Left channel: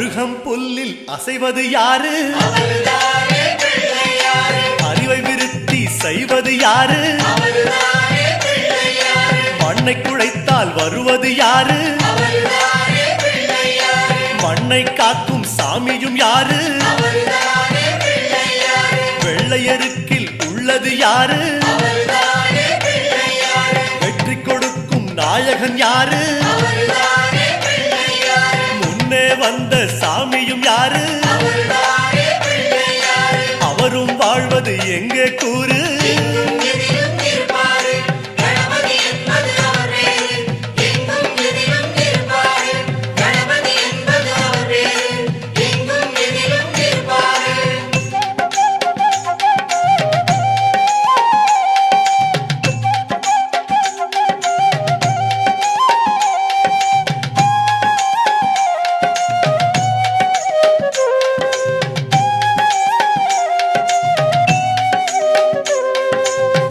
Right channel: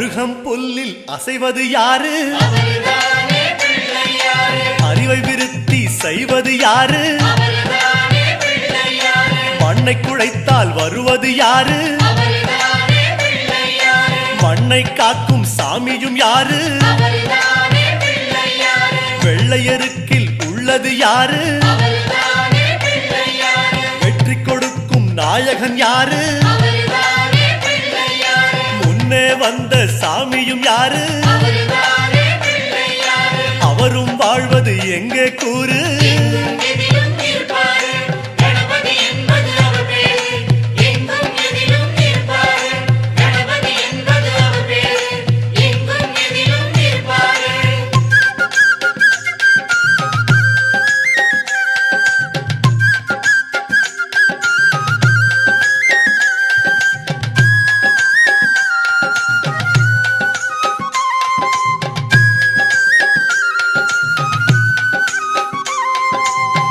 அருகம் புல்லில் அசைவது யாரு? அறிவை விருத்தி செய்வது யாரு? மண்ணை குழைத்தால் வருவது யாரு? மண்ணை காக்கும் சாமியும் யாரு? வெள்ளையருக்கில் உள்ளது யாரு? வெற்றி கொடுக்கும் நாயகன் யாரு? முன்னே வந்த சாமியும் யாரு? அவரும் வாழ்வது எங்கே கூறு?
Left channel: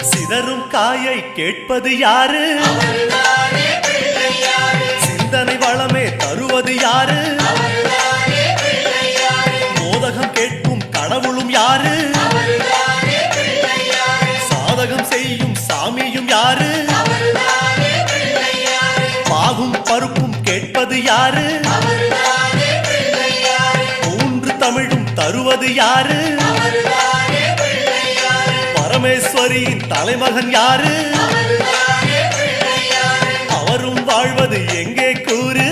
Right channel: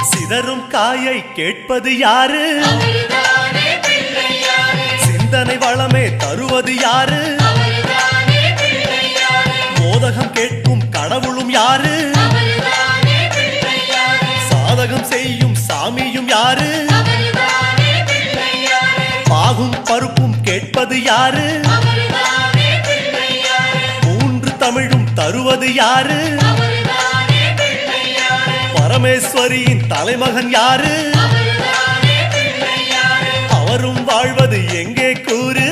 சிதறும் காயை கேட்பது யாரு? சிந்தனை வளமே தருவது யாரு? மோதகம் கேட்கும் கடவுளும் யாரு? சாதகம் செய்யும் சாமியும் யாரு? பாகும் பருப்பும் கேட்பது யாரு? மூன்று தமிழும் தருவது யாரு? பரமேஸ்வரியின் தலைமகன் யாரு? அவரும் வாழ்வது எங்கே கூறு?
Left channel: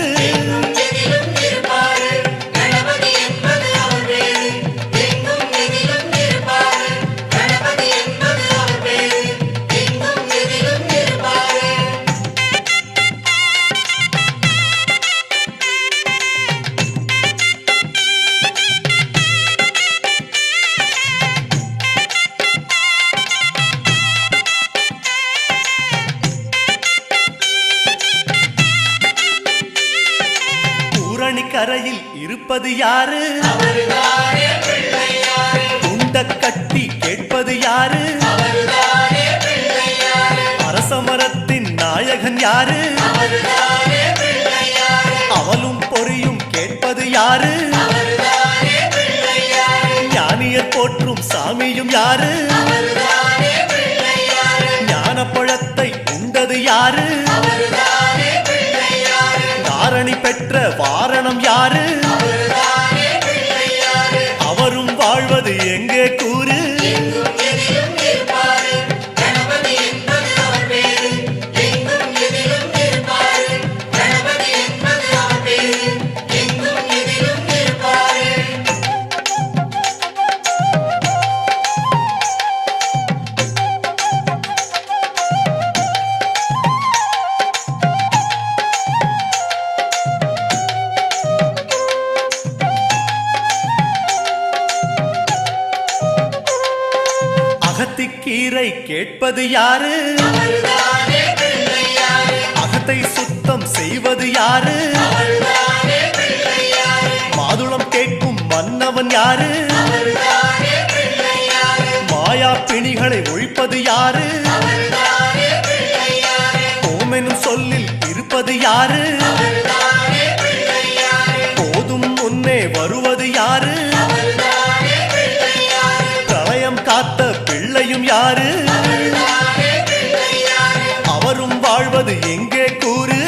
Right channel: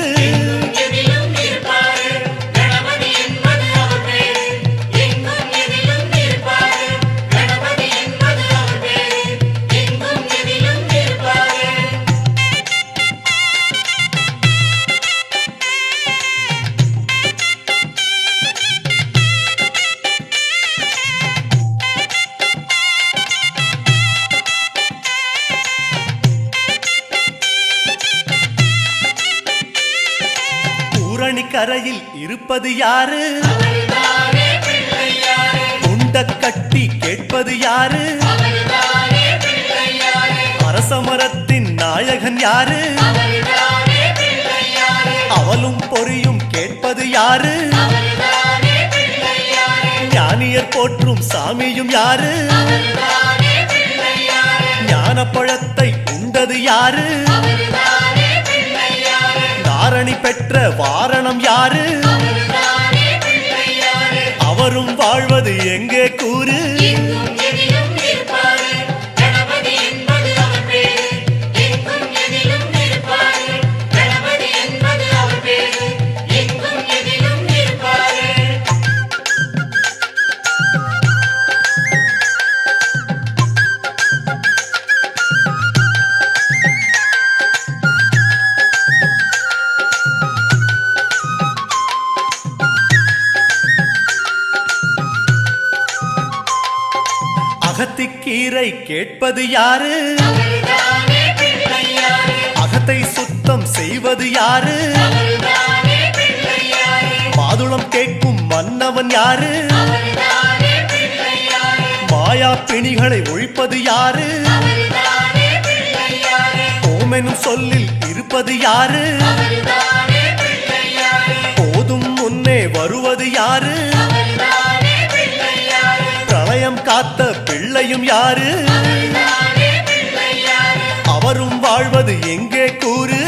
கரையில் இருப்பது யாரு? குண்ட கட்டி கேட்பது யாரு? அரசமரத்தின் நாயகன் யாரு? அவளும் பொறியும் கேட்பது யாரு? ஞானியர் போற்றும் சாமியும் யாரு? ஞானப்பழத்தை உண்டது யாரு? தாரணி பெற்ற வாரணம் யாரு? அவரும் வாழ்வது எங்கே கூறு? அகத்திக்கீரை கேட்பது யாரு? அகத்தை சுத்தம் செய்வது யாரு? மாதுளம் கேட்கும் மன்னவன் யாரு? மாயா பிணிகளை ஒழிப்பது யாரு? ஓமெனும் சொல்லில் இருப்பது யாரு? போதும் முன்னே வருவது யாரு? பிரளயம் காத்த பிள்ளையும் யாரு? அவரும் வாழ்வது எங்கே கூறு?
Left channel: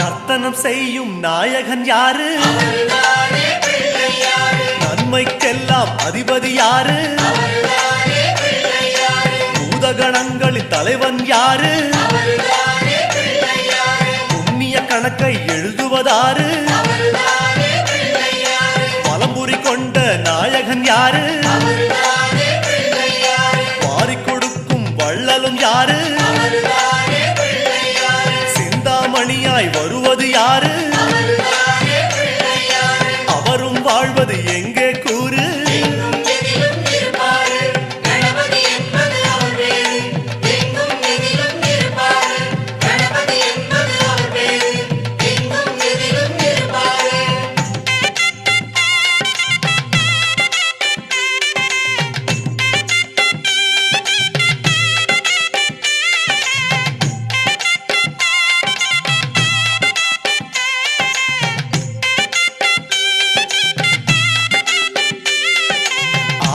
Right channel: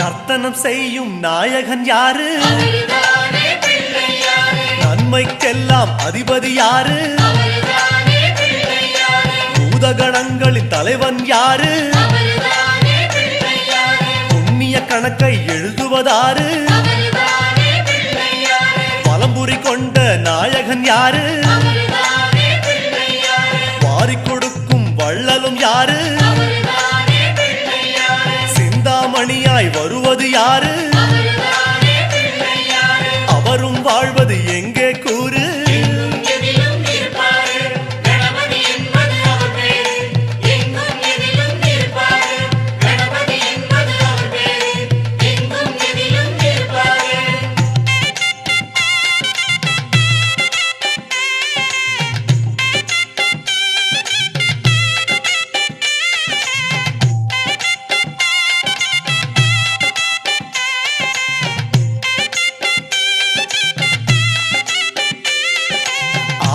நர்த்தனம் செய்யும் நாயகன் யாரு? நன்மைக்கெல்லாம் அதிபதி யாரு? பூதகணங்களின் தலைவன் யாரு? புண்ணிய கணக்கை எழுதுவதாரு? பலம்புரி கொண்ட நாயகன் யாரு? வாரிக் கொடுக்கும் வள்ளலும் யாரு? சிந்தாமணியாய் வருவது யாரு? அவரும் வாழ்வது எங்கே கூறு?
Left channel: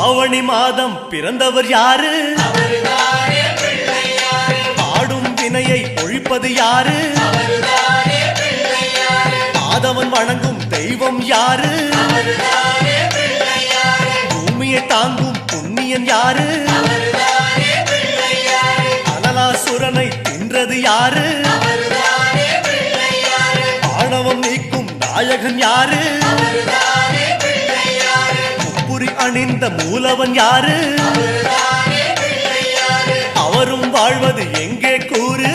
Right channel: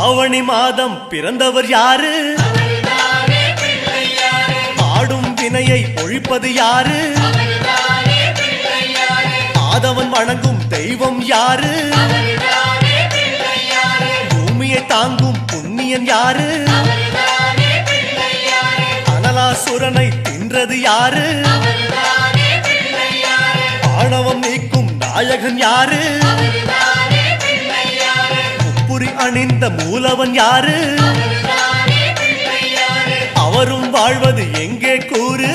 ஆவணி மாதம் பிறந்தவர் யாரு? ஆடும் வினையை ஒழிப்பது யாரு? ஆதவன் வணங்கும் தெய்வம் யாரு? பூமியை தாங்கும் புண்ணியன் யாரு? அனலாசுரனை தின்றது யாரு? ஆணவம் நீக்கும் நாயகன் யாரு? அணிந்த மூலவன் யாரு? அவரும் வாழ்வது எங்கே கூறு?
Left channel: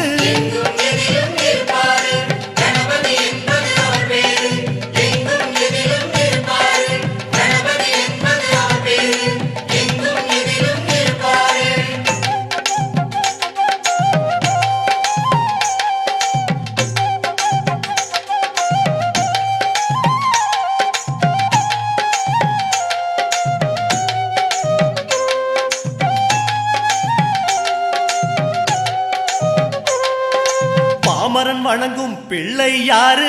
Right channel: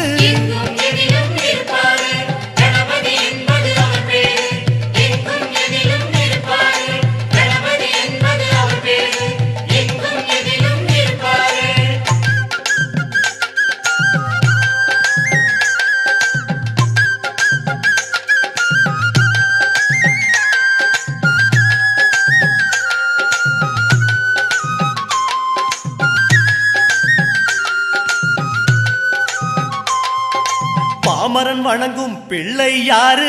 பாமரன் வணங்கும் பிள்ளை யாரு?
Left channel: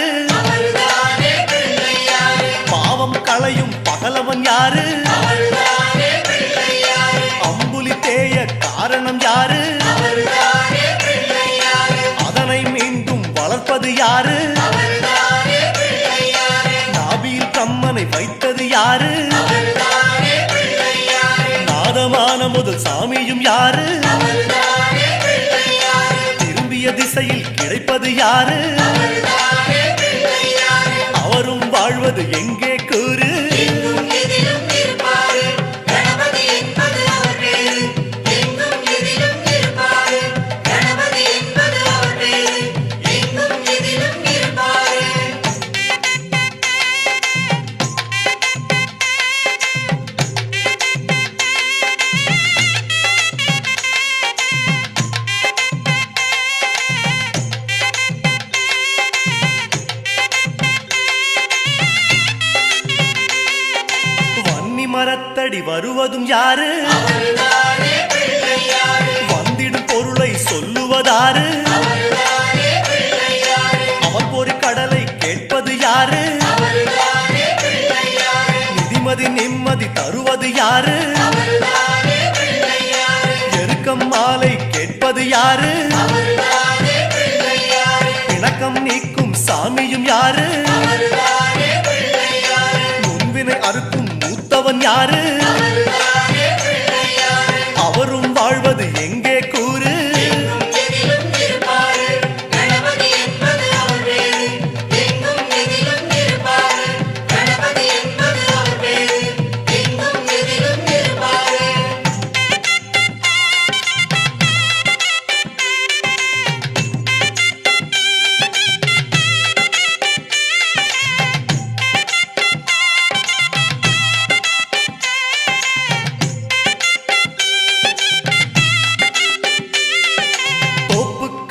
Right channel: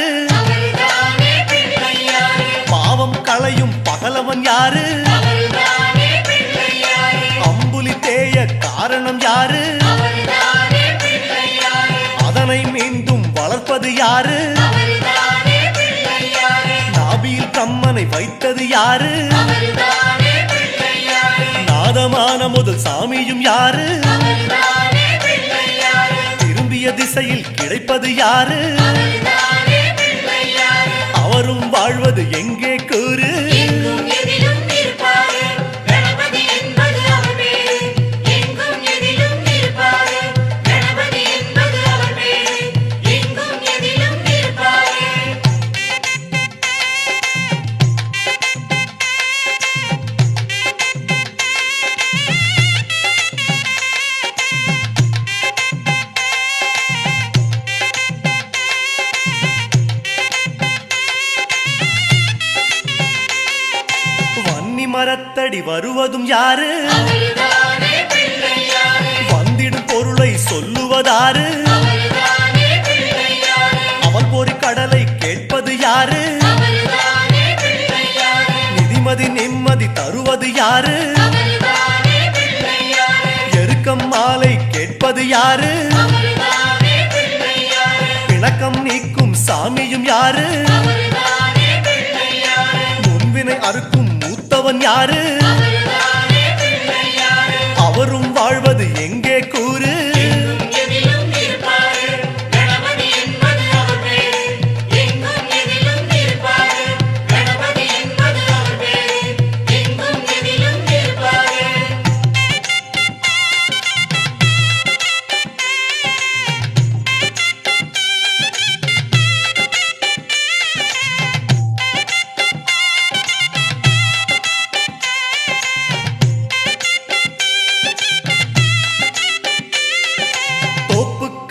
பாவம் களையும் பகலவன் யாரு? அம்புலி தேய காரணம் யாரு? அதனை மீண்டும் வளர்ப்பது யாரு? நாபியில் கம்மனை வைத்தது யாரு? நாதமான முதல் சாமியும் யாரு? திசையில் கிடைப்பது யாரு? அவரும் வாழ்வது எங்கே கூறு? மரத்தடி வருவதும் யாரு? வந்திடும் பொருளை சொல்லுவதாரு? அவள் பொறி கடலை கேட்பது யாரு? நிதிமதி நிம்மதி தருவது யாரு? எருக்கம் மாலை கேட்பது யாரு? பிணக்கம் நீக்கும் சாமியும் யாரு? முன்வினை அறுக்கும் மூத்தவன் யாரு? அவரும் வாழ்வது எங்கே கூறு?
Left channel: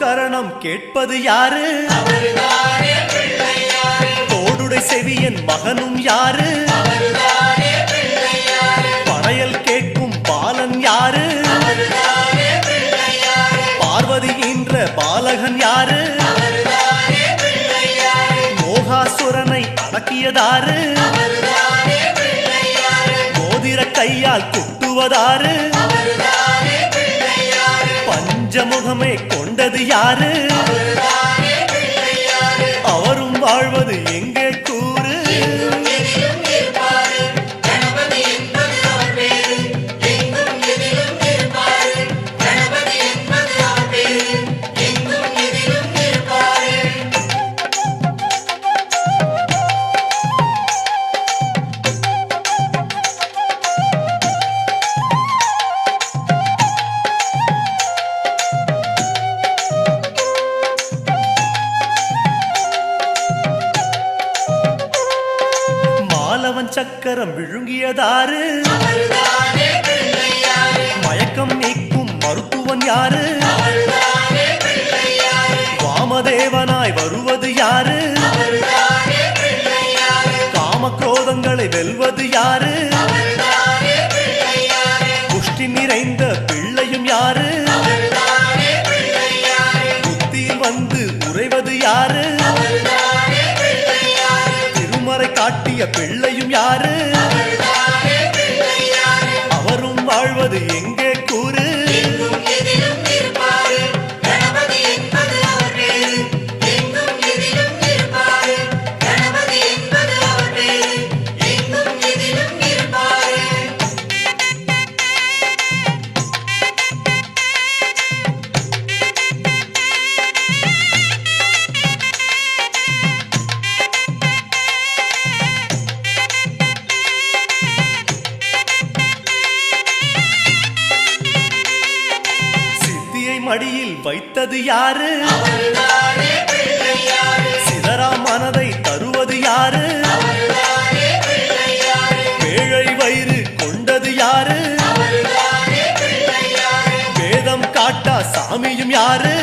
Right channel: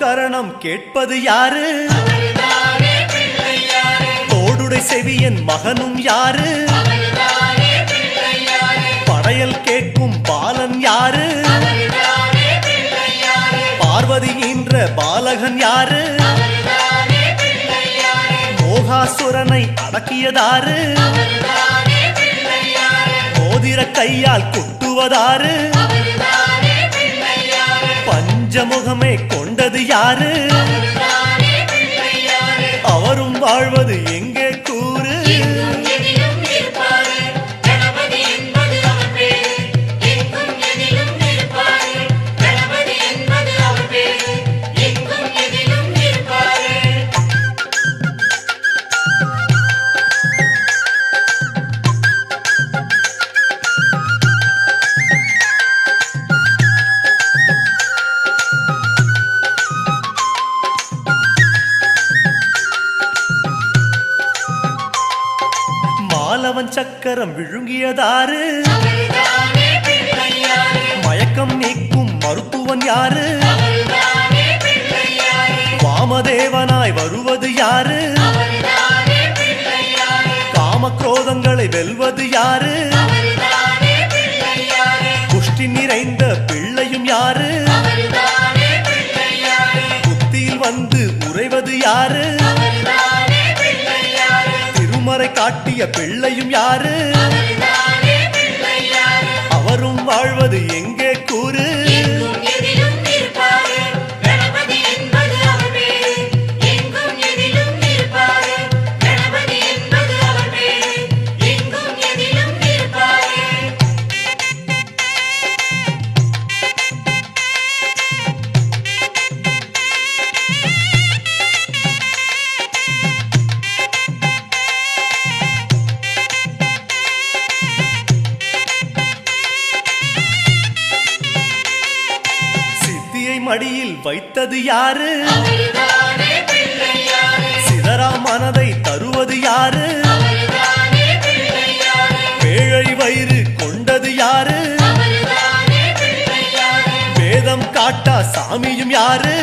கரணம் கேட்பது யாரு? தோடுடை செவியன் மகனும் யாரு? படையல் கேட்கும் பாலன் யாரு? பார்வதி என்ற பாலகன் யாரு? மோகாசுரனை அடக்கியதாரு? மோதிர கையால் குட்டுவதாரு? பஞ்சமுகமே கொண்டது யாரு? அவரும் வாழ்வது எங்கே கூறு? மாதவன் சக்கரம் விழுங்கியதாரு மயக்கம் நீக்கும் மருத்துவன் யாரு வாமதேவனாய் வருவது யாரு காமக்ரோதங்களை வெல்வது யாரு புஷ்டி நிறைந்த பிள்ளையும் யாரு புத்தியில் வந்து உறைவது யாரு திருமறை காட்டிய பிள்ளையும் யாரு அவரும் வாழ்வது எங்கே கூறு மடியில் வைத்தது யாரு சிதறா மனதை தருவது யாரு பேழை வயிறு கொண்டது யாரு வேதம் காட்டா சாமியும் யாரு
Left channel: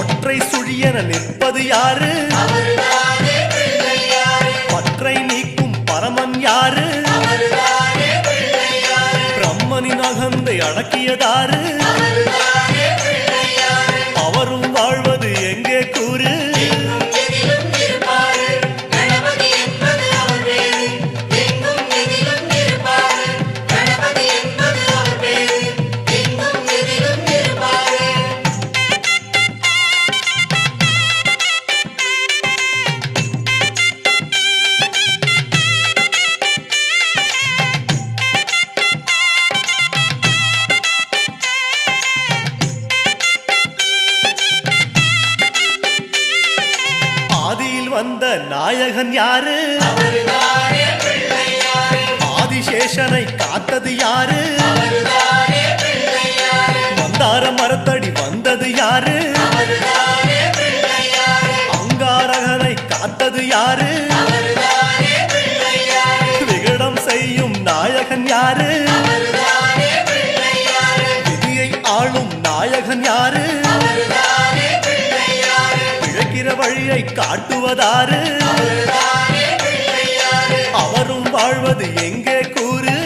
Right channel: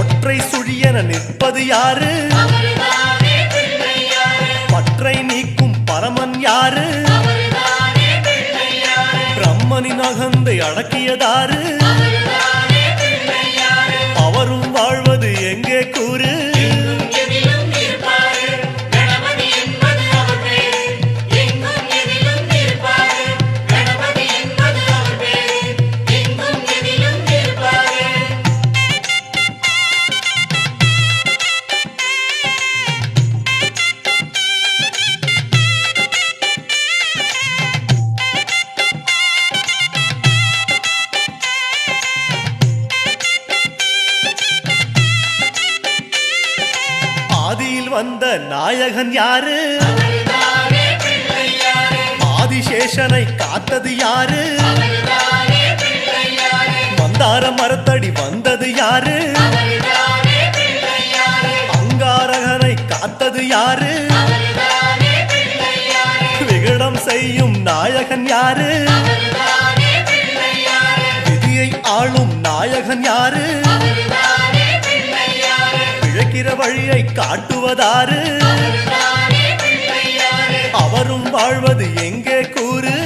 ஒற்றை சுழியென நிற்பது யாரு பற்றை நீக்கும் பரமன் யாரு பிரம்மனின் அகந்தை அடக்கியதாரு அவரும் வாழ்வது எங்கே கூறு ஆதியில் வந்த நாயகன் யாரு ஆதிசேஷனை காத்தது யாரு மந்தார மரத்தடி வந்தது யாரு அங்காரகனை காத்தது யாரு விகடம் செய்யும் நாயகன் யாரு விதியை ஆளும் நாயகன் யாரு பிழைக்கிற வழியை காட்டுவதாரு அவரும் வாழ்வது எங்கே கூறு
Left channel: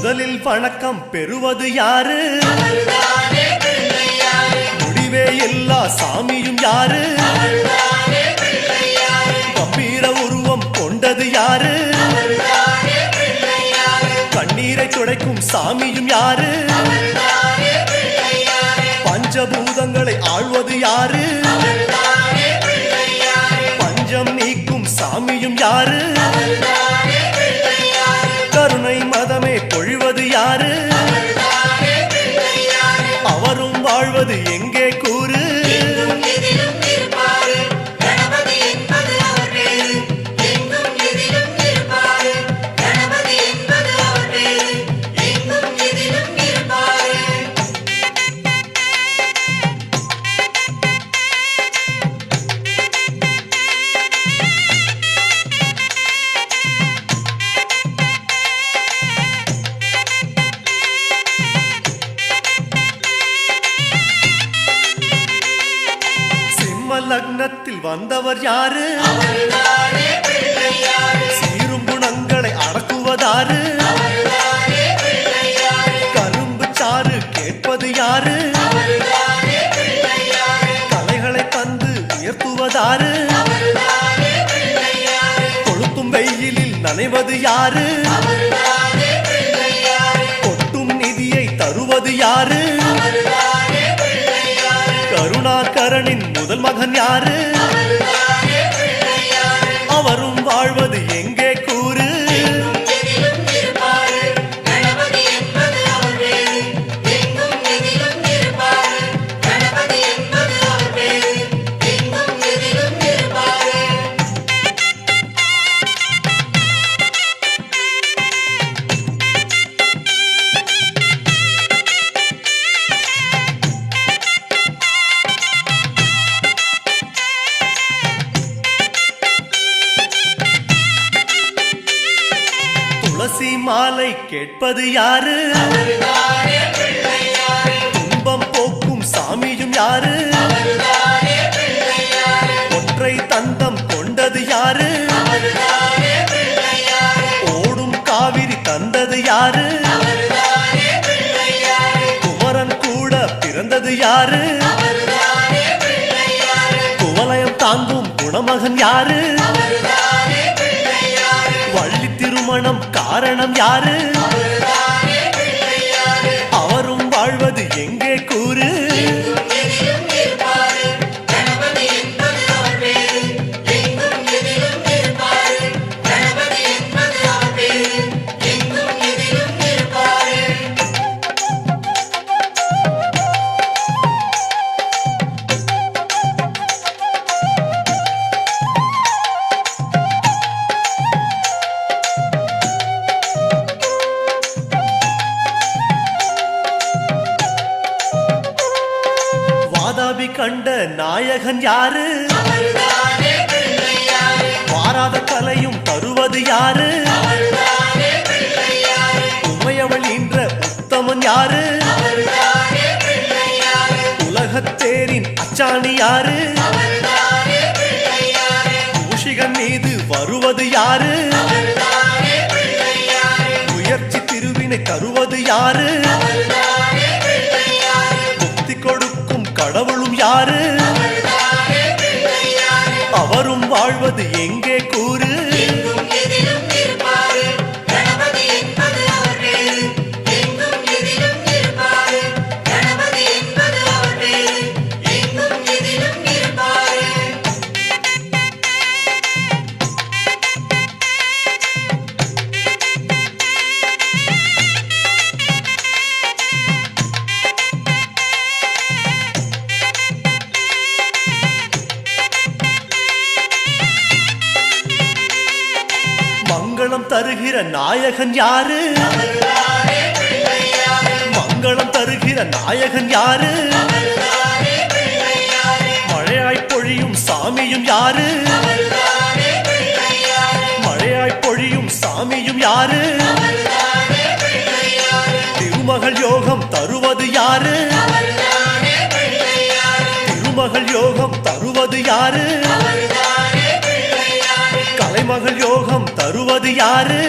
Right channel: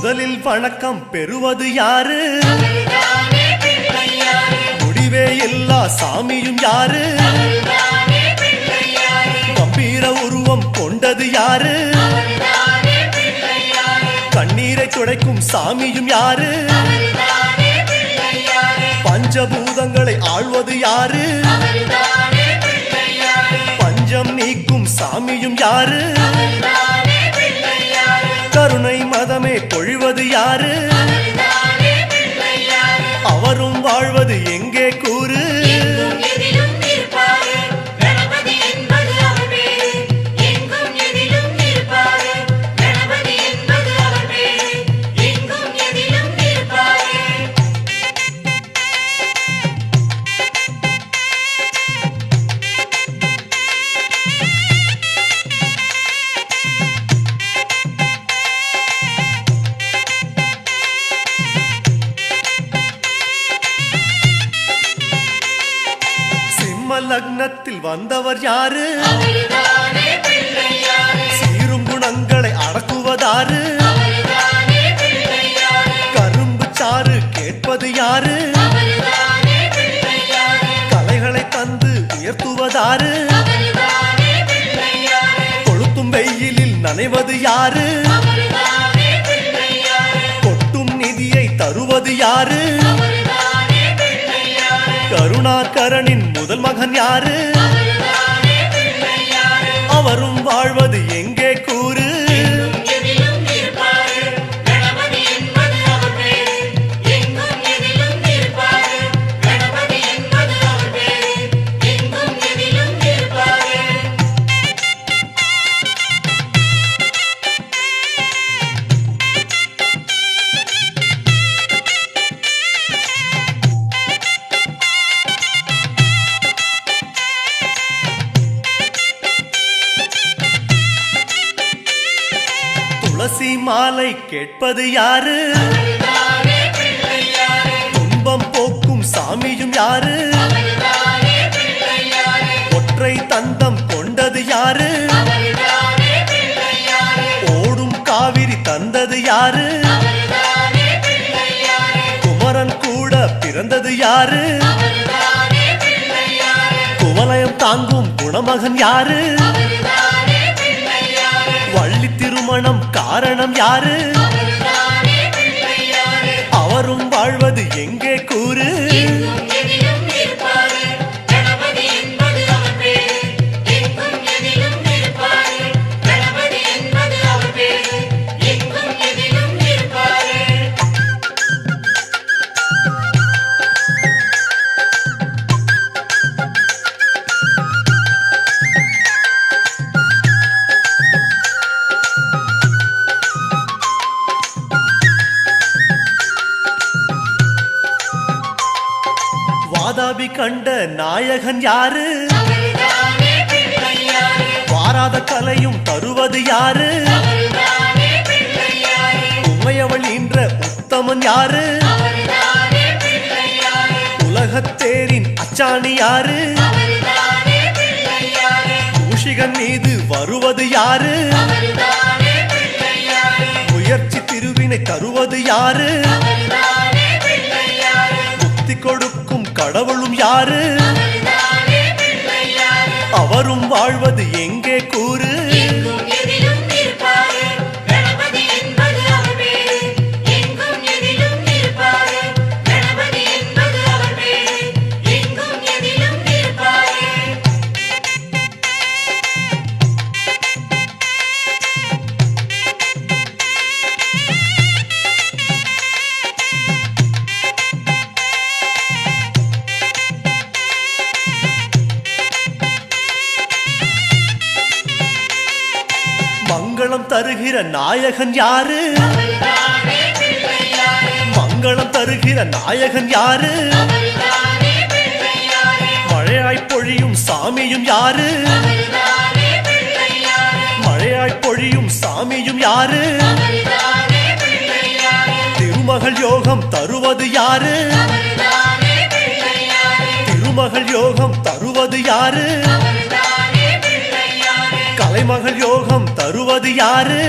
முதலில் வணக்கம் பெறுவது யாரு முடிவே எல்லா சாமியும் யாரு கம்பீர உருவம் கொண்டது யாரு கண்ணீரை துடைக்கும் சாமியும் யாரு பஞ்சபூதங்களை ஆழ்வது யாரு பஞ்சம் நீக்கும் சாமியும் யாரு கருணை மதமே பொழிவது யாரு அவரும் வாழ்வது எங்கே கூறு லக்னத்தில் வந்தவர் யாரு சீரும் குணங்களை அடக்குவதாரு கரும்பு சாறு கேட்பது யாரு கலைகளை தந்து உயர்த்துவதாரு கொளுத்தும் வெயிலில் நனைவது யாரு கொட்டும் நிதியை தருவது யாரு கருணாகரனின் முதல் மகன் யாரு அவரும் வாழ்வது எங்கே கூறு? துளசி மாலை கேட்பது யாரு? துன்பம் போக்கும் சாமியும் யாரு? ஒற்றை தந்தம் கொண்டது யாரு? ஓடும் காவிரி தந்தது யாரு? குமரன் கூட பிறந்தது யாரு? குவலயம் தாங்கும் குணமகன் யாரு? வள்ளி திருமணம் காரணம் யாரு? அவரும் வாழ்வது எங்கே கூறு? வாதாபி கண்ட நாயகன் யாரு? வாராத கலையும் தருவது யாரு? உமையவள் ஈன்ற உத்தமன் யாரு? உலகத்தேரின் அச்சாணி யாரு? மூஷிகன் மீது வருவது யாரு? முயற்சி திருவினை தருவது யாரு? முக்தி கொடுக்கும் கடவுளும் யாரு? அவரும் வாழ்வது எங்கே கூறு? மங்களம் தருகிற நாயகன் யாரு? மங்களம் தருகிற நாயகன் யாரு? மழையாய் பொழியும் சாமியும் யாரு? மழையாய் பொழியும் சாமியும் யாரு? திருமகள் யோகம் தருவது யாரு? திருமகள் யோகம் தருவது யாரு? கலைமகள் யோகம் தருவது யாரு?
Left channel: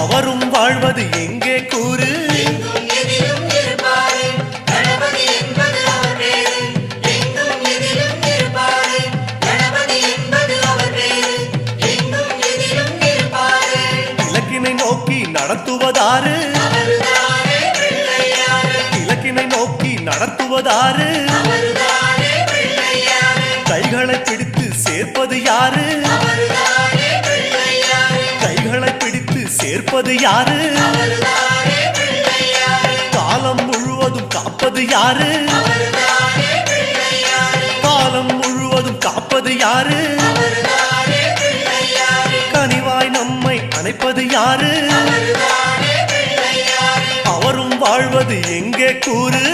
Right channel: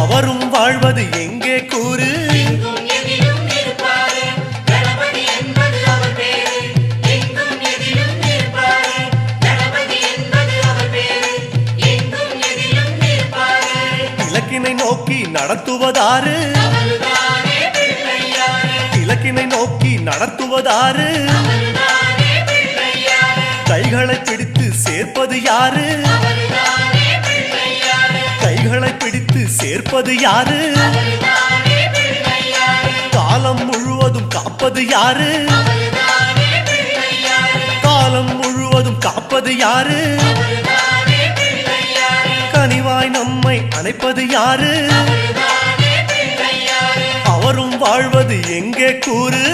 அவரும் வாழ்வது எங்கே கூறு? இலக்கினை நோக்கி நடத்துவதாரு? இலக்கினை நோக்கி நடத்துவதாரு? கைகளை பிடித்து சேர்ப்பது யாரு? கைகளை பிடித்து சேர்ப்பது யாரு? காலம் முழுவதும் காப்பது யாரு? காலம் முழுவதும் காப்பது யாரு? கனிவாய் நம்மை அணைப்பது யாரு? அவரும் வாழ்வது எங்கே கூறு?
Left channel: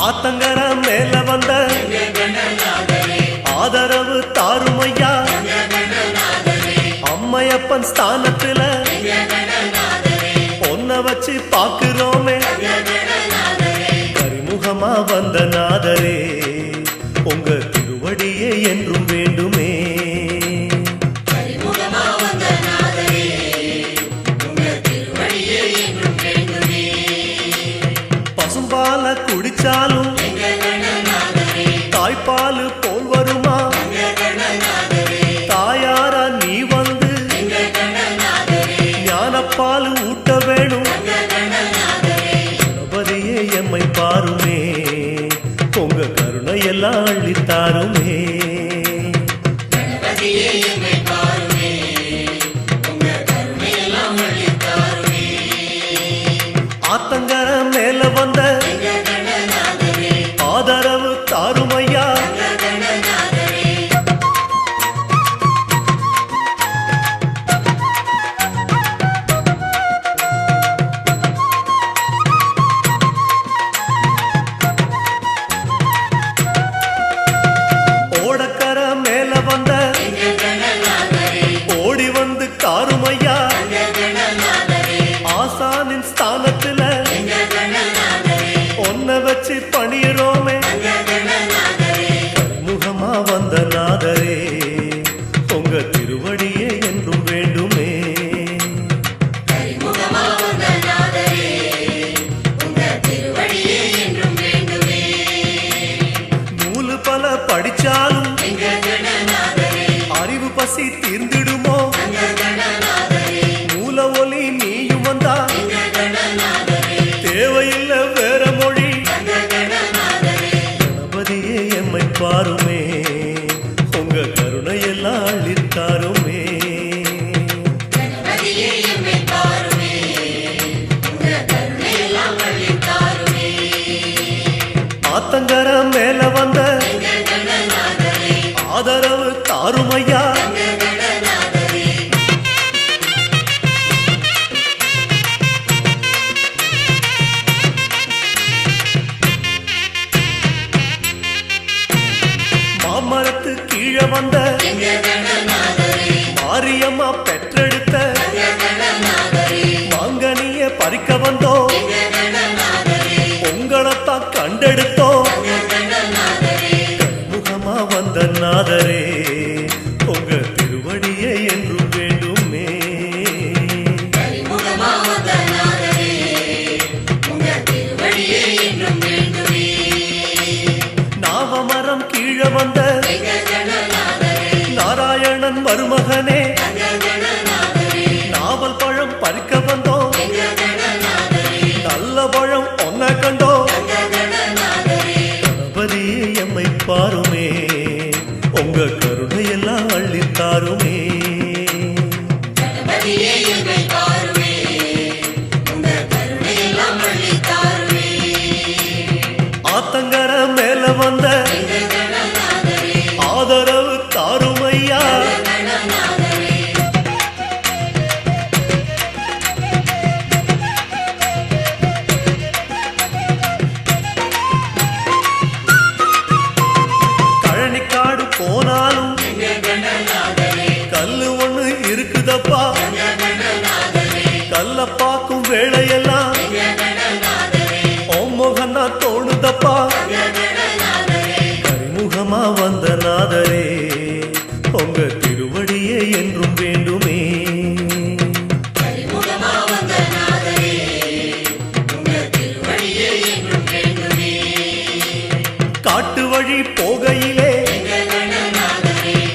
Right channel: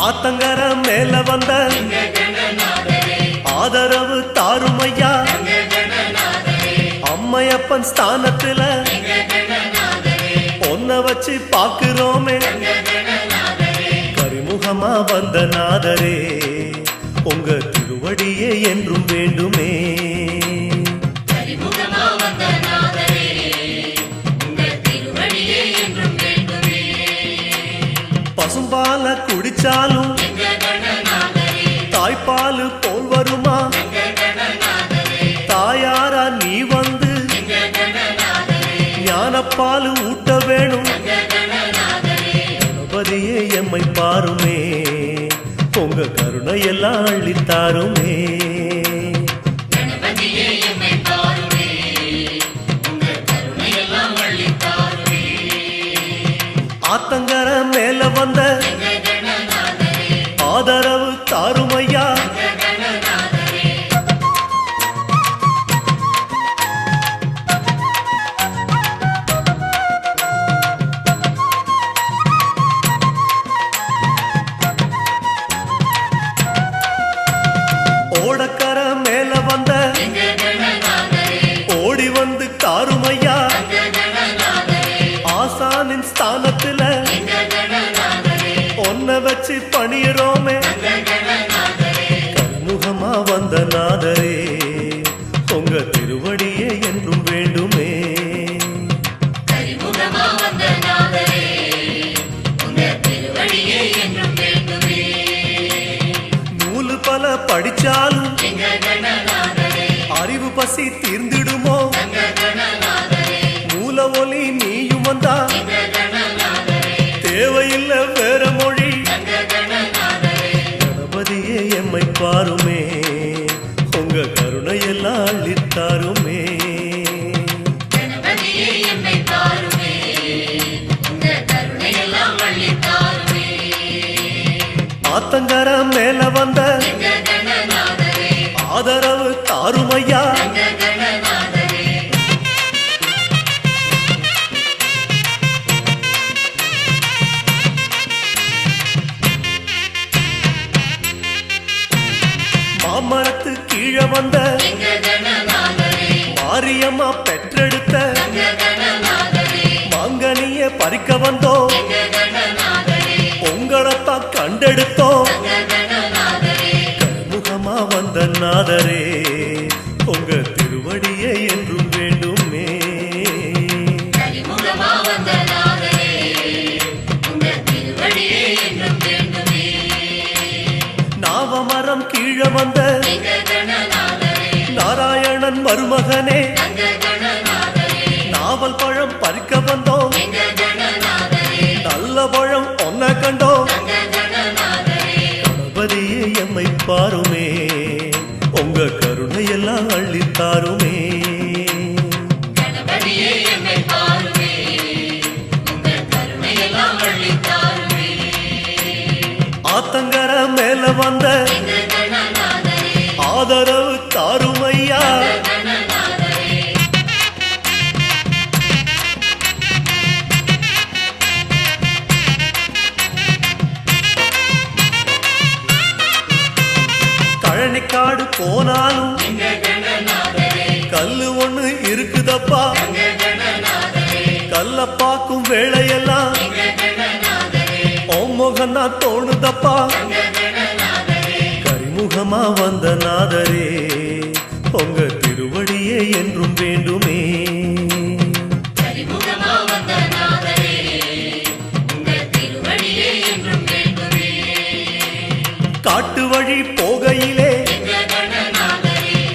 ஆத்தங்கர மேல வந்த ஆதரவு தாருமையா அம்மையப்பன் ஸ்தானத்துல ஒன்ன வச்சு பாக்குறோமே கரிமுகமா வந்த நாதரே உங்க திருவடியே என்றும் வேண்டுமே பசும்பால குடிச்சாலும் தாய்ப்பாலு போல் வருமா தாயாரா நீ வந்து ஞானப்பாலு ஊட்ட வேணும் கணபதியே எம்மை பாருமே உங்க கருணையெல்லாம் அள்ளித்தாருமே ஆத்தங்கர மேல வந்த ஆதரவு தாருமையா ஓடக்கர மேல வந்த ஓடி வந்து தாருமையா ஆசானின் ஸ்தானத்துல ஒன்ன வச்சு பணியரோமே கரிமுகமா வந்த நாதரே உங்க திருவடியே என்றும் வேண்டுமே நூலு பல படிச்சாலும் அறிவு பசி தீர்ந்திடுமோ மூல ஒலி நீயும் வந்தா தேவையில்லை வேற மொழி கணபதியே எம்மை பாருமே உங்க கருணையெல்லாம் அள்ளித்தாருமே ஆத்தங்கர மேல வந்த ஆதரவு தாருமையா மாமரத்து கீழே வந்த மாரியம்மா பெற்றெடுத்த மாங்கனிய பறிக்க வந்தோம் உங்களைத்தான் கண்டெடுத்தோம் கரிமுகமா வந்த நாதரே உங்க திருவடியே என்றும் வேண்டுமே நாவமரம் கீழே வந்த நாராயணன் மருமகனே நாவல் பழம் பறிக்க வந்தோம் நல்ல பழம் ஒன்ன கண்டோம் கணபதியே எம்மை பாருமே உங்க கருணையெல்லாம் அள்ளித்தாருமே ஆத்தங்கர மேல வந்த ஆதரவு தாருமையா கழனிக்காடு போனாலும் கல்லு ஒண்ணு இருக்குதப்பா கல்ல பாக்கும் வேளையெல்லாம் முகந்தா தோணுதப்பா கரிமுகமா வந்த நாதரே உங்க திருவடியே என்றும் வேண்டுமே காட்டு வழி போகையிலே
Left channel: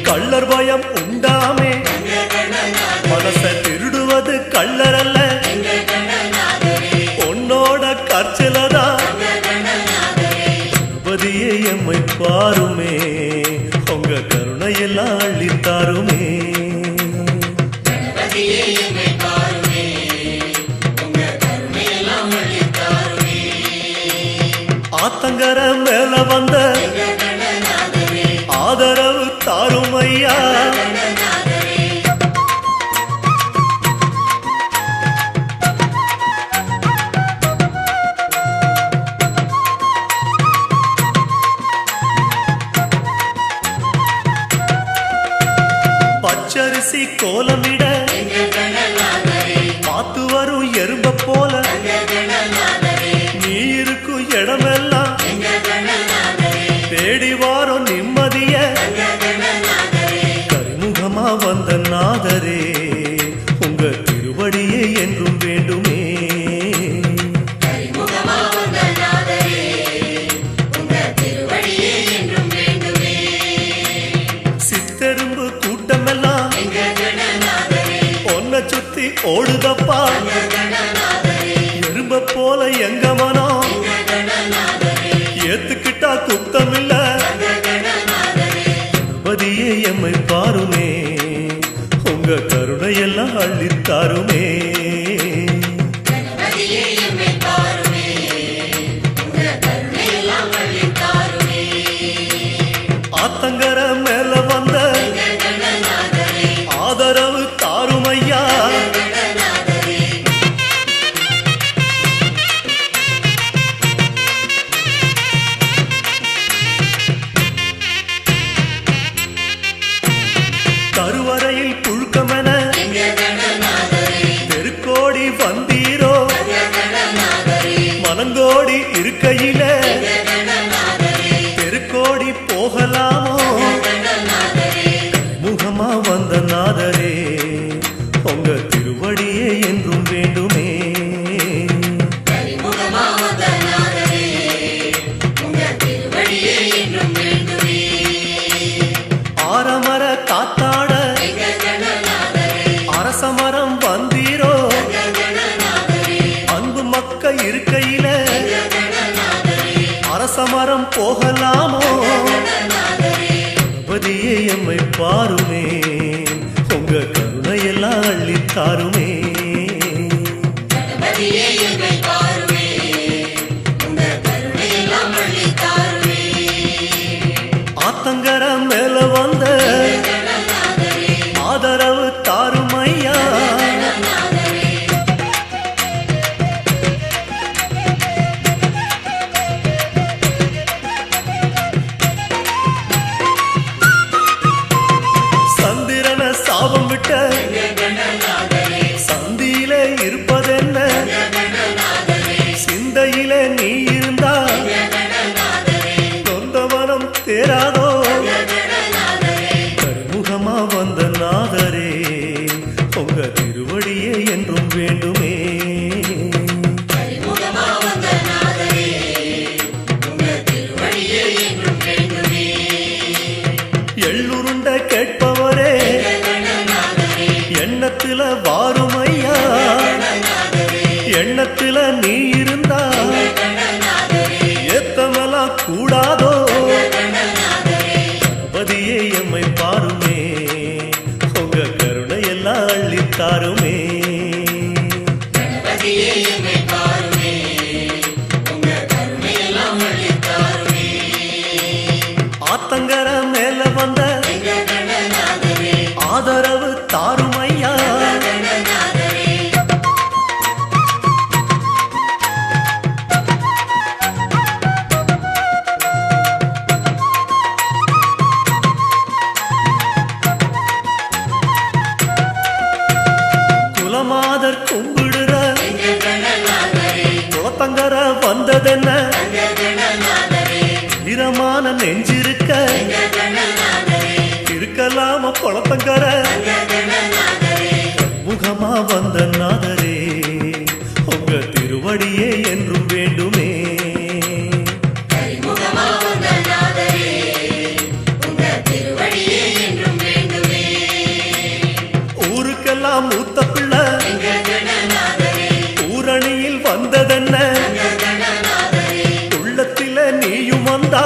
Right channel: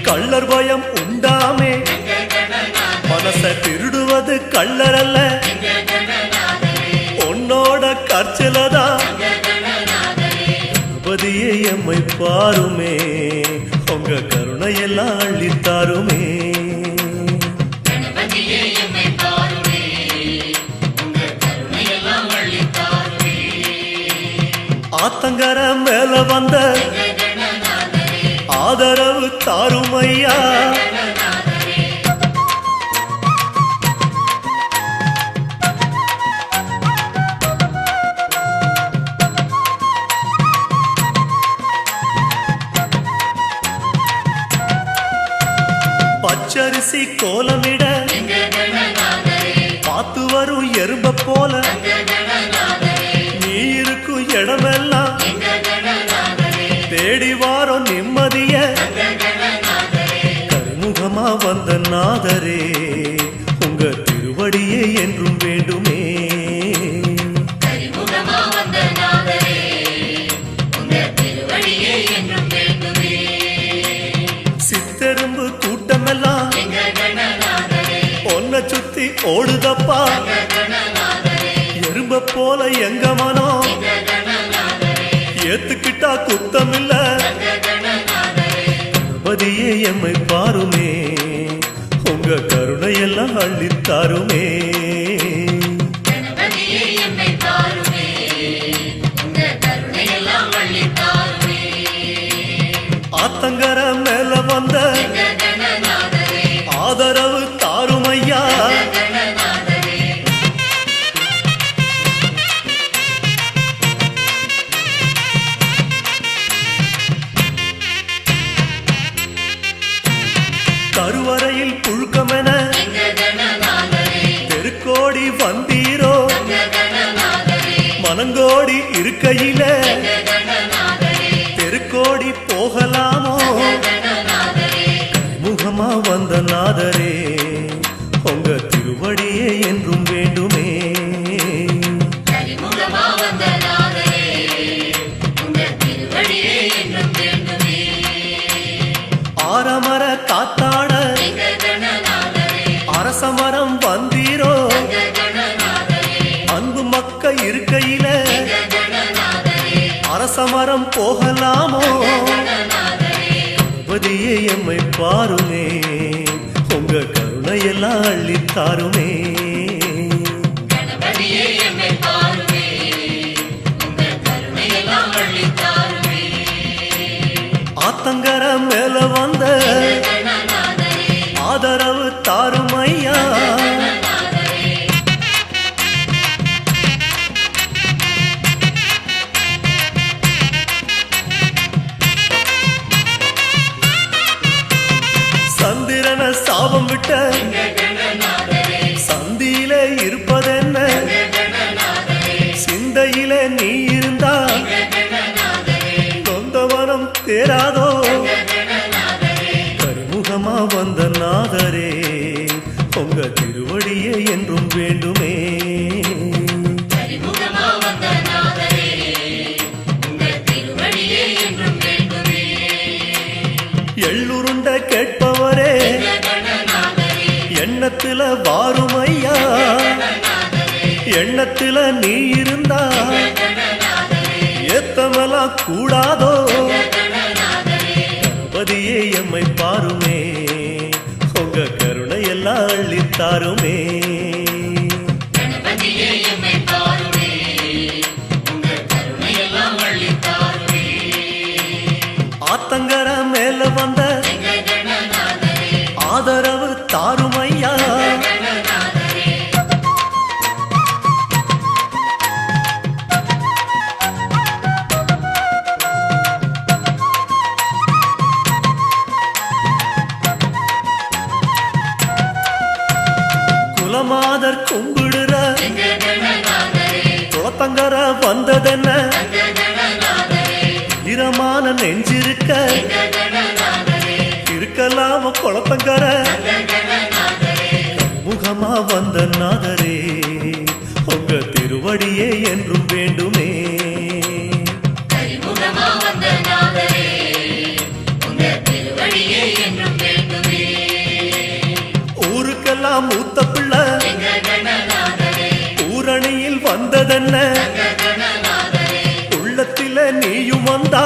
கள்ளர் பயம் உண்டாமே மனச திருடுவது கள்ளர் அல்ல உன்னோட கற்சிலதான் கணபதியே எம்மை பாருமே உங்க கருணையெல்லாம் அள்ளித்தாருமே ஆத்தங்கர மேல வந்த ஆதரவு தாருமையா பச்சரிசி கோலமிட பார்த்து வரும் எறும்ப போல நீ இருக்கும் இடமெல்லாம் தேடி வாரம் நிம்மதிய கரிமுகமா வந்த நாதரே உங்க திருவடியே என்றும் வேண்டுமே. சித்தெரும்பு கூட்டமெல்லாம் ஒன்ன சுத்தி ஓடுதப்பா எறும்ப போல எங்க மனம் ஏத்துக்கிட்டா குத்தமில்ல கணபதியே எம்மை பாருமே உங்க கருணையெல்லாம் அள்ளித்தாருமே. ஆத்தங்கர மேல வந்த ஆதரவு தாருமையா கருவறையில் புழுக்கமென தெருக்கோடி வந்தீரோ மனங்கோடி இருக்கையில தெருக்கோடி போகலாமோ முகமா வந்த நாதரே உங்க திருவடியே என்றும் வேண்டுமே. ஆரமர காத்தாட அரசமரம் வந்தீரோ அன்பு மக்க இருக்கையில அரசமரம் போகலாமோ கணபதியே எம்மை பாருமே உங்க கருணையெல்லாம் அள்ளித்தாருமே. ஆத்தங்கர மேல வந்த ஆதரவு தாருமையா சந்திரன சாபம் விட்ட சந்தியிலே இருப்பதென்ன சிந்தையிலே நீ இருந்தா சொந்தவனம் தேராதோ கரிமுகமா வந்த நாதரே உங்க திருவடியே என்றும் வேண்டுமே. எள்ளுருண்ட கேட்பவரே எண்ணத்துல வாருமையா எண்ணத்துல நீ இருந்தா ஏத்தமெல்லாம் கூடாதோ கணபதியே எம்மை பாருமே உங்க கருணையெல்லாம் அள்ளித்தாருமே. ஆத்தங்கர மேல வந்த ஆதரவு தாருமையா குலமாதர் கும்பிடுற குளத்தங்கர வந்ததென்ன ஈரமான நெஞ்சிருக்க இருக்கலாம குளத்தங்கர முகமா வந்த நாதரே உங்க திருவடியே என்றும் வேண்டுமே. ஊருக்கெல்லாம் மூத்த பிள்ளை ஊரணியில் வந்ததென்ன உள்ளத்தில நீயும் வந்தா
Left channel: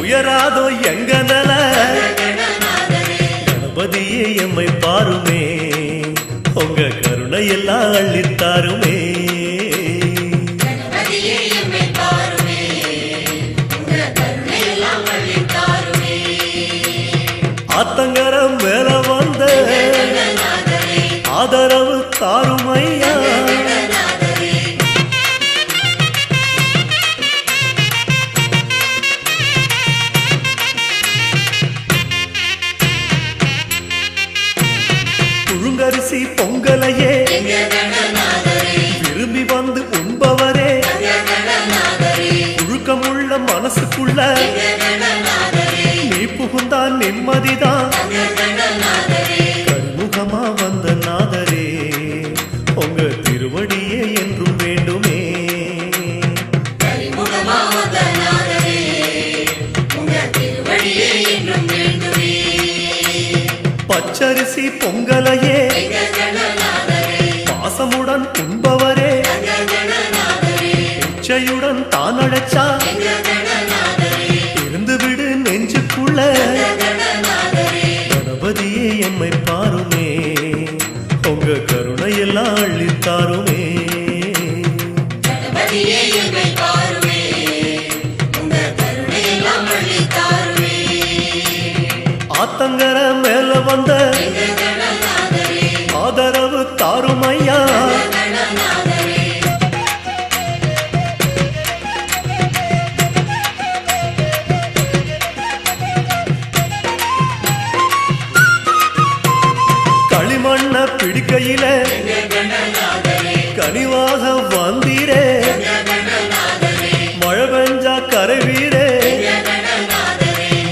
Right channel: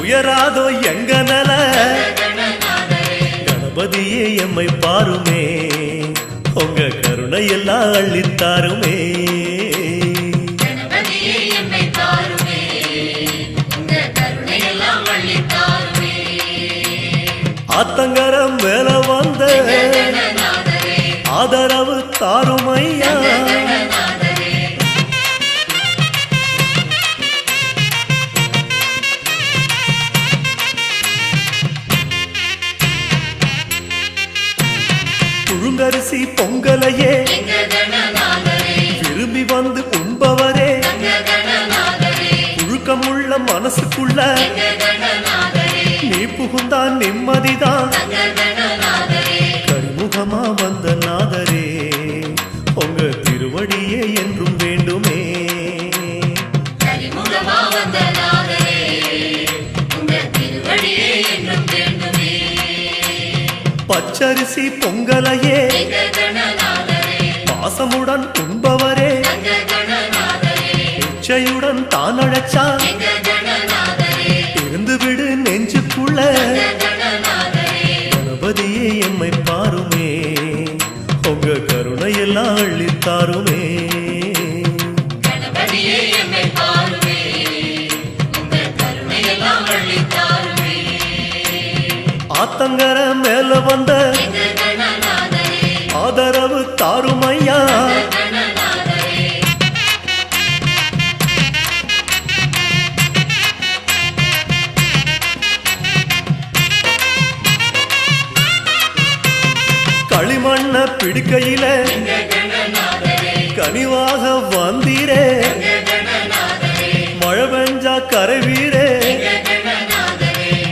உயராதோ எங்க நல கணபதியே எம்மை பாருமே உங்க கருணையெல்லாம் அள்ளித்தாருமே. ஆத்தங்கரம் மேல வந்த ஆதரவு தாருமையா வந்து உண்பவரே புழுக்கமுள்ள மனசுக்குள்ள நீ புகுந்தான் நிம்மதிதான் கரிமுகமா வந்த நாதரே உங்க திருவடியே என்றும் வேண்டுமே பச்சரிசி பொங்கலையே பாசமுடன் உண்பவரே இச்சையுடன் தான் அழைச்சா இருந்து விடு நெஞ்சுக்குள்ள கணபதியே எம்மை பாருமே உங்க கருணையெல்லாம் அள்ளித்தாருமே ஆத்தங்கர மேல வந்த ஆதரவு தாருமையா களிமண்ண பிடிக்கையில கனிவாக வந்தீரே மழை பெஞ்சா கரைவீரே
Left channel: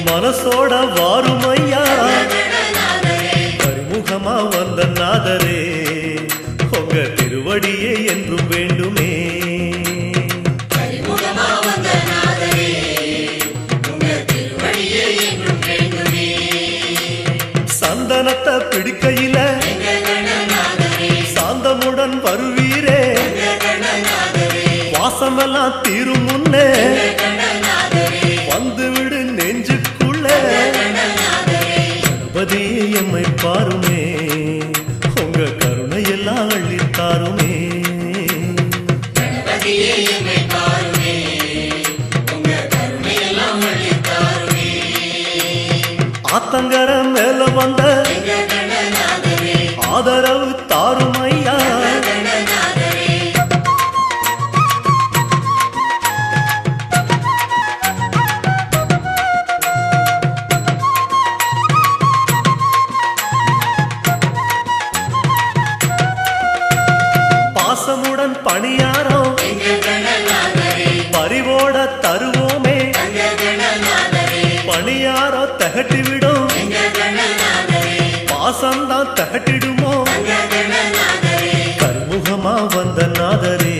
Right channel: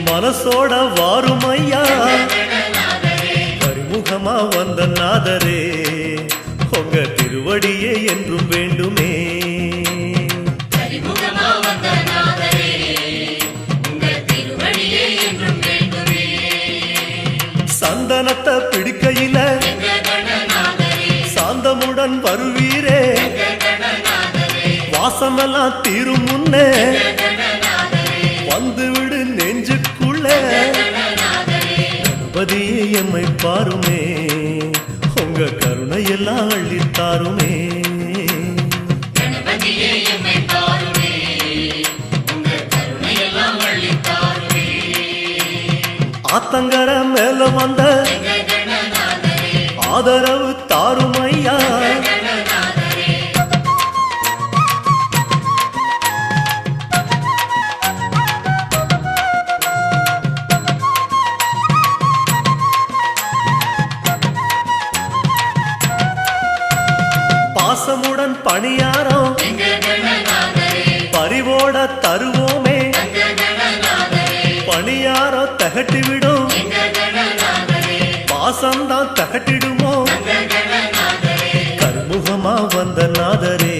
மனசோட வாருமையா கரிமுகமா வந்த நாதரே உங்க திருவடியே என்றும் வேண்டுமே சந்தனத்தை பிடிக்கையில சாந்தமுடன் வருவீரே வாசமெல்லாம் தீரும் முன்னே வந்து விடு நெஞ்சுக்குள்ள கணபதியே எம்மை பாருமே உங்க கருணையெல்லாம் அள்ளித்தாருமே ஆத்தங்கர மேல வந்த ஆதரவு தாருமையா பாசமுடன் பணியாரம் பரிவோட தருவோமே பணியாரோ தகட்டிவிடும் பாசம்தான் தகட்டிடுமோ கருமுகமா வந்த நாதரே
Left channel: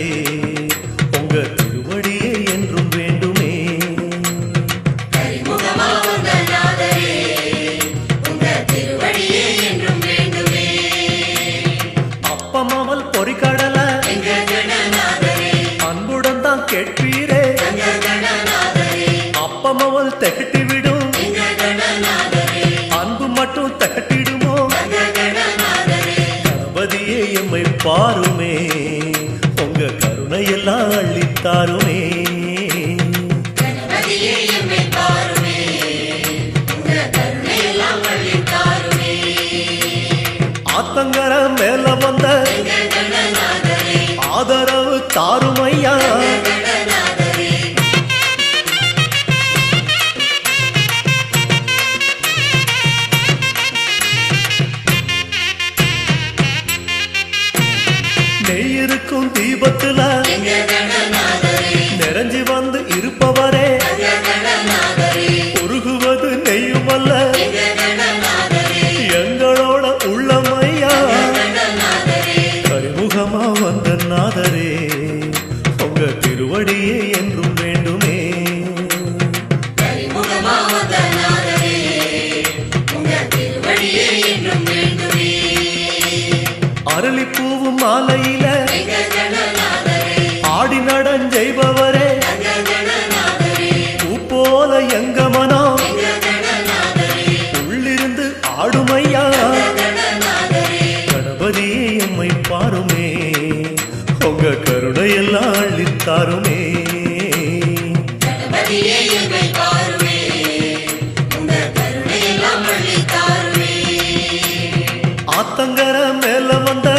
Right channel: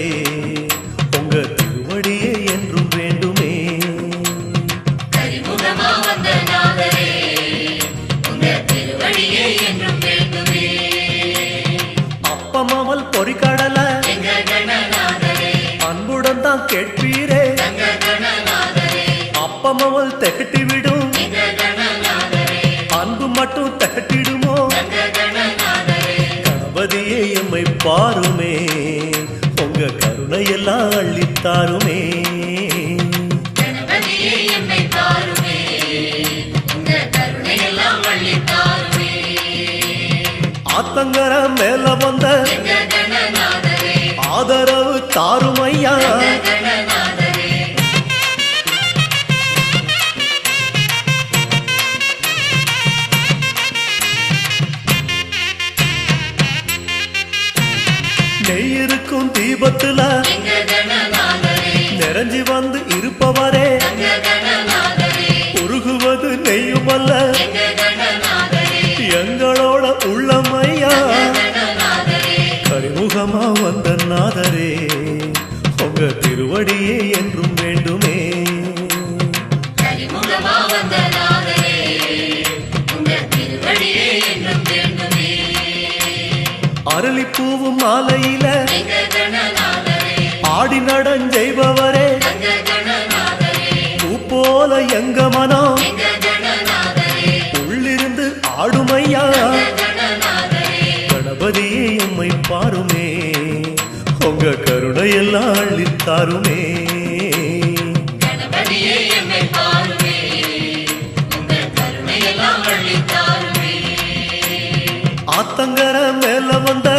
உங்க திருவடியே என்றும் வேண்டுமே அப்பமாமல் பொறிக்கடல அன்புடன் தான் கேட்பீரே அப்பமாவல் தகட்டிவிடும் அன்பு மட்டும் தகட்டிடுமோ கணபதியே எம்மை பாருமே உங்க கருணையெல்லாம் அள்ளித்தாருமே ஆத்தங்கர மேல வந்த ஆதரவு தாருமையா நெய் இருக்கும் தீபத்துல நிறைஞ்சி வந்து இருப்பவரே உருகுவது நெய்யுமல்ல எங்களோட உள்ளமையா கரிமுகமா வந்த நாதரே உங்க திருவடியே என்றும் வேண்டுமே அரளிப்பூவும் மாலையில ஆடி நடஞ்செய்பவரே பூ போல எங்க மனம் உள்ளிருந்து ஆடுமையா கணபதியே எம்மை பாருமே உங்க கருணையெல்லாம் அள்ளித்தாருமே ஆத்தங்கர மேல வந்த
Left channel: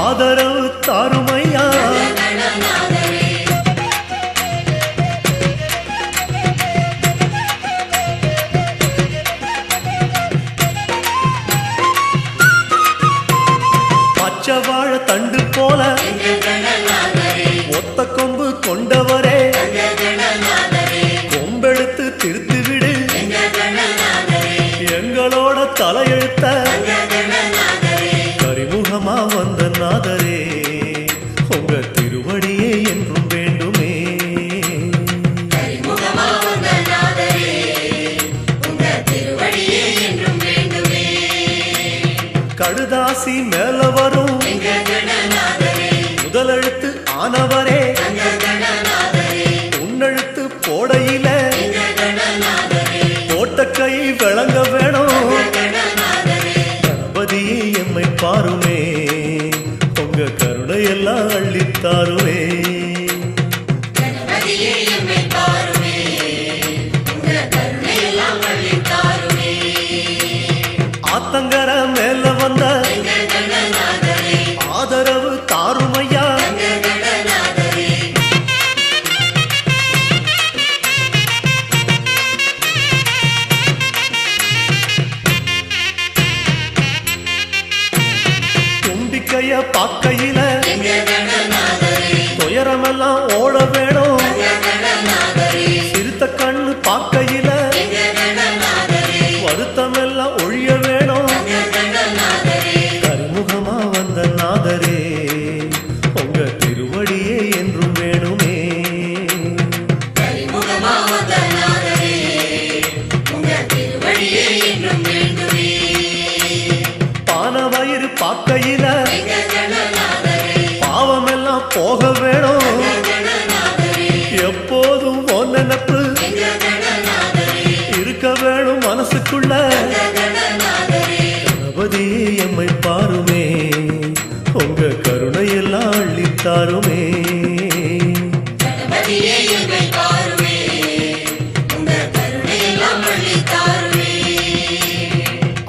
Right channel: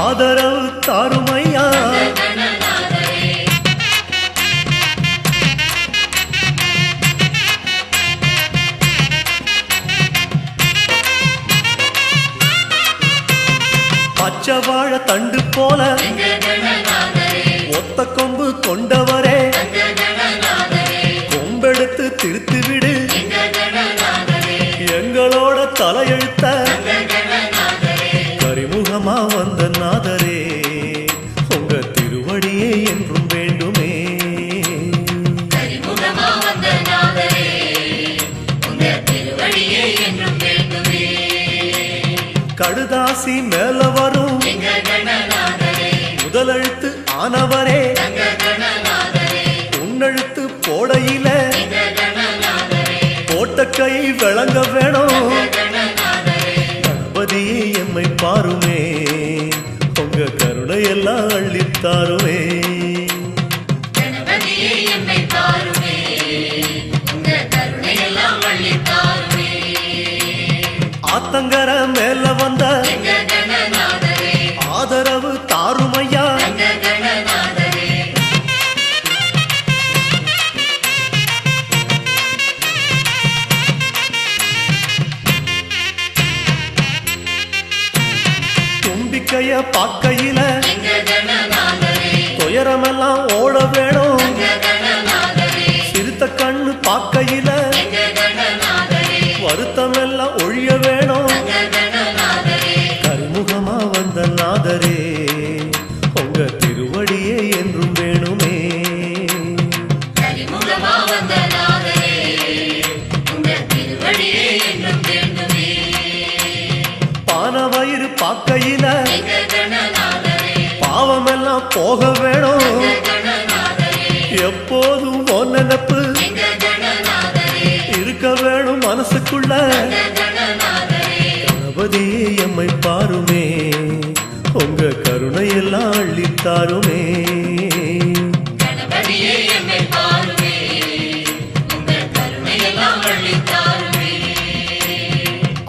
ஆதரவு தாருமையா பச்சை வாழ தண்டு போல ஒத்த கொம்பு கொண்டவரே கொம்பெடுத்து திருத்து விடு எங்களோட தலையெழுத்த கரிமுகமா வந்த நாதரே உங்க திருவடியே என்றும் வேண்டுமே. கடுதாசி மேல வரும் முதலெழுத்து ஆனவரே உன்னெழுத்து போடையில போட்ட கை விளங்க வேணும். கணபதியே எம்மை பாருமே உங்க கருணையெல்லாம் அள்ளித்தாருமே. ஆத்தங்கர மேல வந்த ஆதரவு தாருமையா. தும்பிக்கைய பாக்கையில துயரமெல்லாம் ஓட வேணும். சிறுத்த கண்ணு பாக்கையில வருத்தமெல்லாம் ஒழிய வேணும். கரிமுகமா வந்த நாதரே உங்க திருவடியே என்றும் வேணுமே. பான வயிறு பாக்கையில பாவமெல்லாம் போக வேணும். எப்போதும் உன் நினைப்பு இருக்க வேணும் மனசுக்குள்ள. கணபதியே எம்மை பாருமே உங்க கருணையெல்லாம் அள்ளித்தாருமே.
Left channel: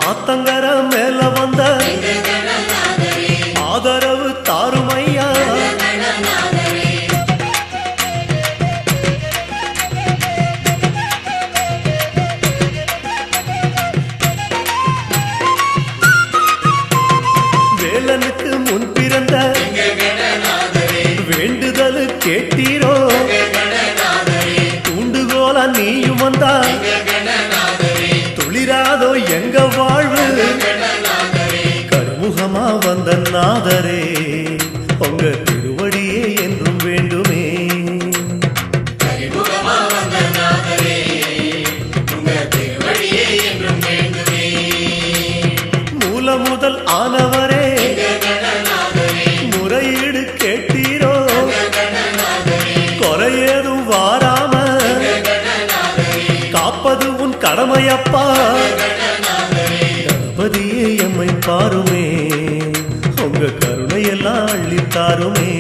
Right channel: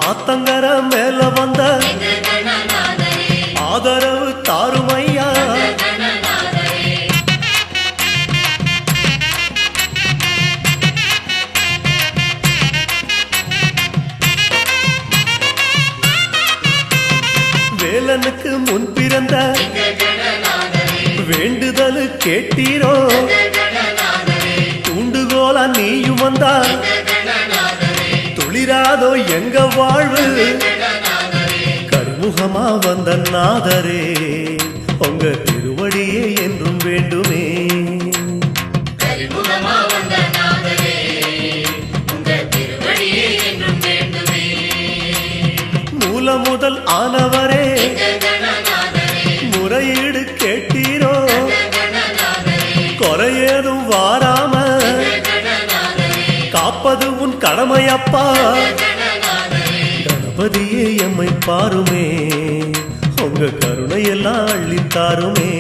ஆத்தங்கர மேல வந்த ஆதரவு தாருமையா. வேலனுக்கு முன் பிறந்த வேண்டுதல் கேட்டீரோ தூண்டுகோலா நீயும் வந்தா துளிராதோ எங்க வாழ்வு. கரிமுகமா வந்த நாதரே உங்க திருவடியே என்றும் வேண்டுமே. மூல முதல் ஆனவரே முறையீடு கேட்டீரோ குறையேதும் வாராம காப்பது உன் கடமையப்பா. கணபதியே எம்மை பாருமே உங்க கருணையெல்லாம் அள்ளித்தாருமே.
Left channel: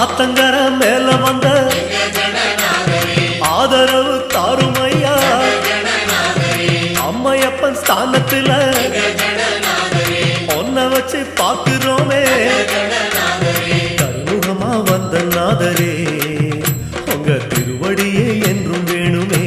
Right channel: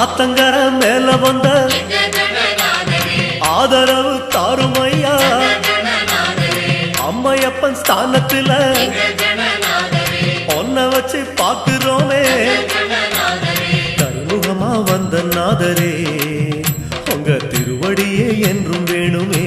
ஆத்தங்கர மேல வந்த ஆதரவு தாருமையா. அம்மையப்பன் ஸ்தானத்துல ஒன்ன வச்சு பாக்குறோமே. கரிமுகமா வந்த நாதரே உங்க திருவடியே என்றும் வேணுமே.